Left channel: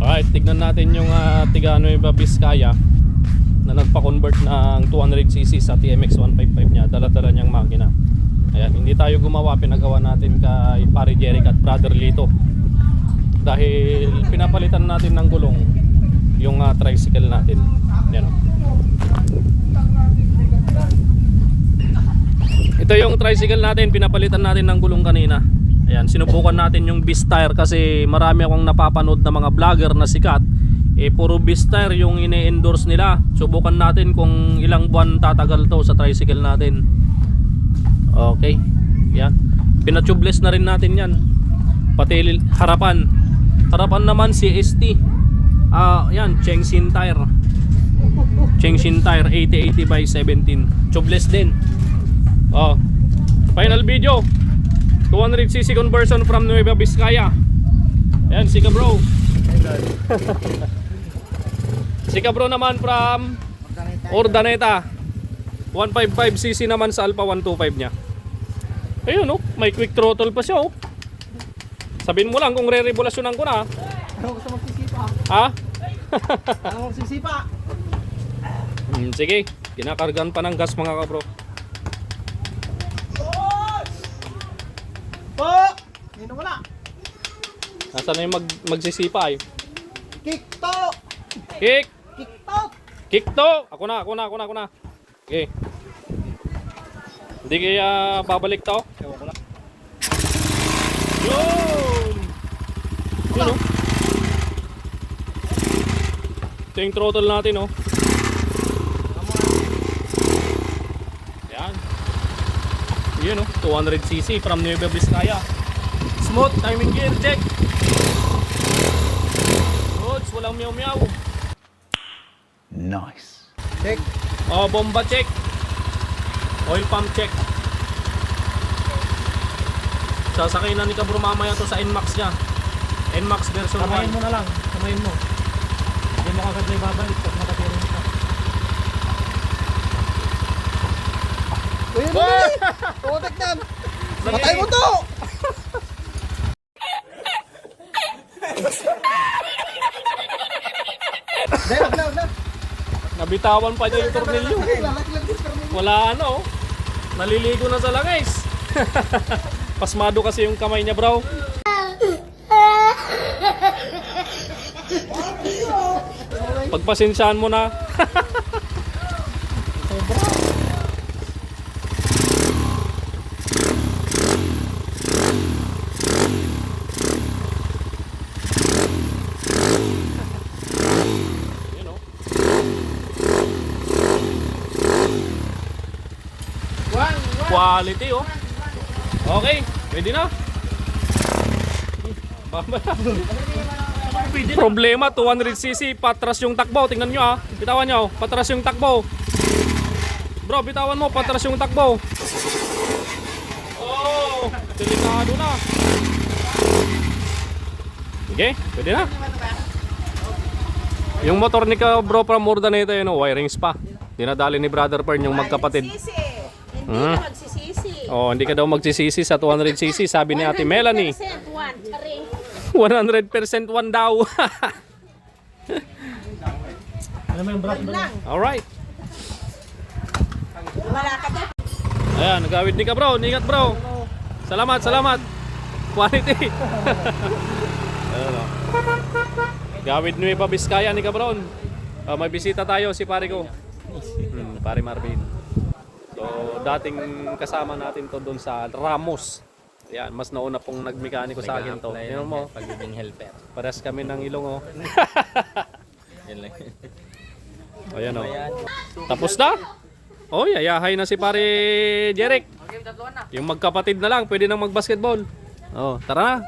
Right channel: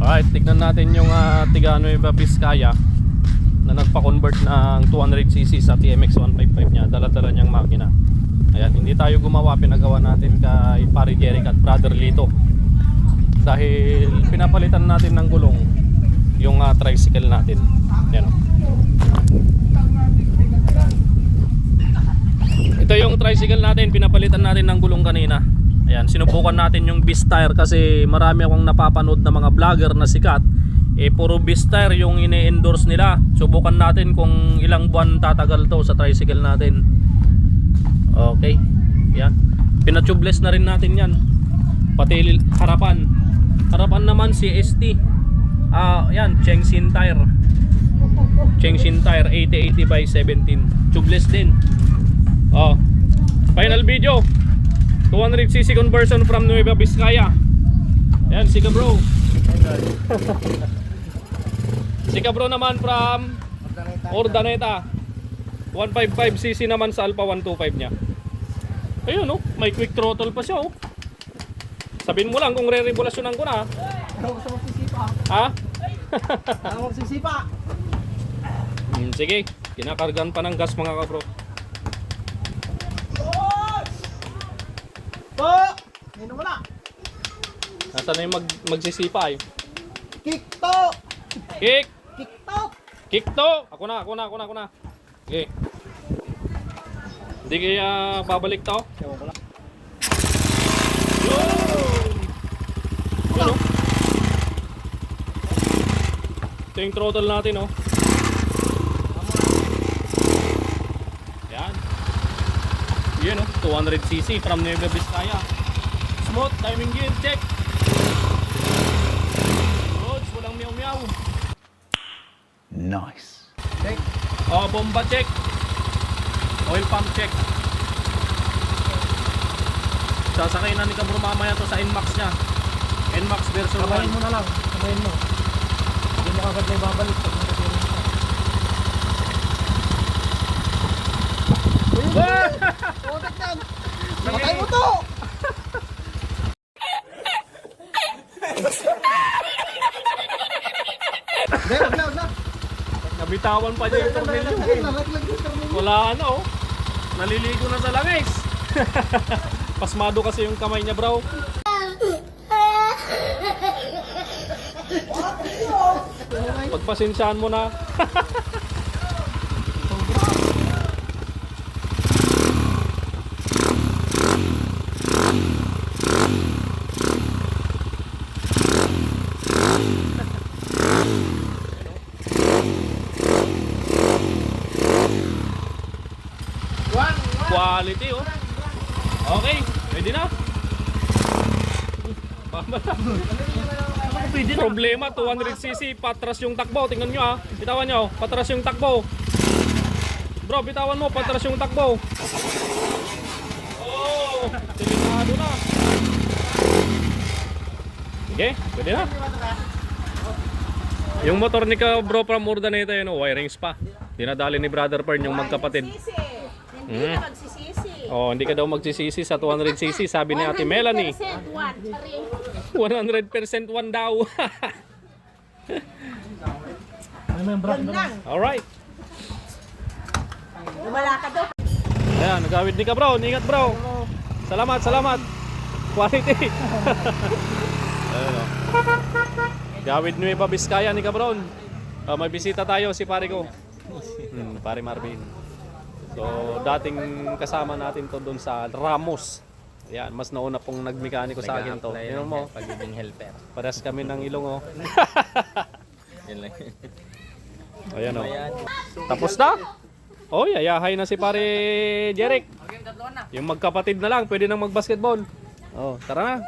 Alright, tignan natin yung Tigano Nueva Vizcaya na nagpa-convert ng 200cc sa TMX 155 niya. Dala-dala niyang makina. Ayan, hindi tayo gumawa, pinagawa natin kay Pare Jeric at Brother Lito. Dahil pinapalitan natin ng gulong yung tricycle natin. Yan o. Ito yung tricycle natin, pinapalitan natin ng gulong kanina. Ayan, sinubukan natin yung Beast tire kasi marami akong napapanood na mga vlogger na sikat. Puro Beast tire yung ine-endorse nila. Subukan natin kung ilang buwan tatagal to sa tricycle natin. Okay, yan. Pina-tubeless na rin natin yan. Pati harapan. Harapan naman CST. Yan, Chengxin tire. Chengxin tire 8080 by 17. Tubeless din. Final video. 200cc conversion from Nueva Vizcaya. Ayan, Sika Bro. Sika Bro naman from Urdaneta. 155cc naman sa Alpha 125 niya. Ayun may quick throttle pa siya Sabihin mo lang kung re-revolusyonan ko na. Ano gusto magsisipa? Ha? Ano magsisipa? Sige, kinakargan pa ng gas mga kabro. Nino mo na. Nasaan na yung magsisipa Kikto! Kick! Kikto! Kick to! Ako na. Okay. Hindi kaya babalik to? Yun! Yun Ito yung throttle natin Yan. Yun 200cc from Nueva Vizcaya. Smooth, timing gear check. Goods, walang meow meow. Nice. Check. Bomba check. Oil pump check. Sasakay na ni Kabro mamaya to sa NMAX nya. NMAX version 1. Kamayin mo na lang. Kamayin mo. Hindi mo kagad na ibabalik pag nakatira mo ka. Putik na! Nakatay mo to! Wag na. Nabitawan pa niya yung tornilyo. Wala naliligo na sa langis. Pasmado kasi yung kamay niya, bro. Pagpasensyahan mo na. Quality Okay, pwede na. Problema 200cc patras yung takbo. Tingnan nyo bitawan nyo. Patras yung takbo. Bro, bitawan mo. Patras yung takbo. Delikado na. Okay, pwede na. Yung motor ni ka bro from Urdaneta wirings pa. Dinadali ni Brother Pern yung magkapatid. Hindi ka magsisisi. Hindi ka daw magsisisi sa 200cc, sabi ni Ate Melanie. 100% one daw. Alright. Wala ka to. Ayan, nagawid ni ka bro. Ingat bro. Salamat. Quality. Gawid Nueva Vizcaya ni ka bro. May bisita tayo si pare ko. Pare Marvin. So, dating kasama natin to doon sa Ramos. Ayan, mas nauna pong nagmekaniko sa akin to. Tingnan mo, pagiging helper. pares kami ng ilong Ayan Tapos na? Yayahay na si pare Jeric. Yung magkapatid na lang, pwede nang mag-basketball. Tara na.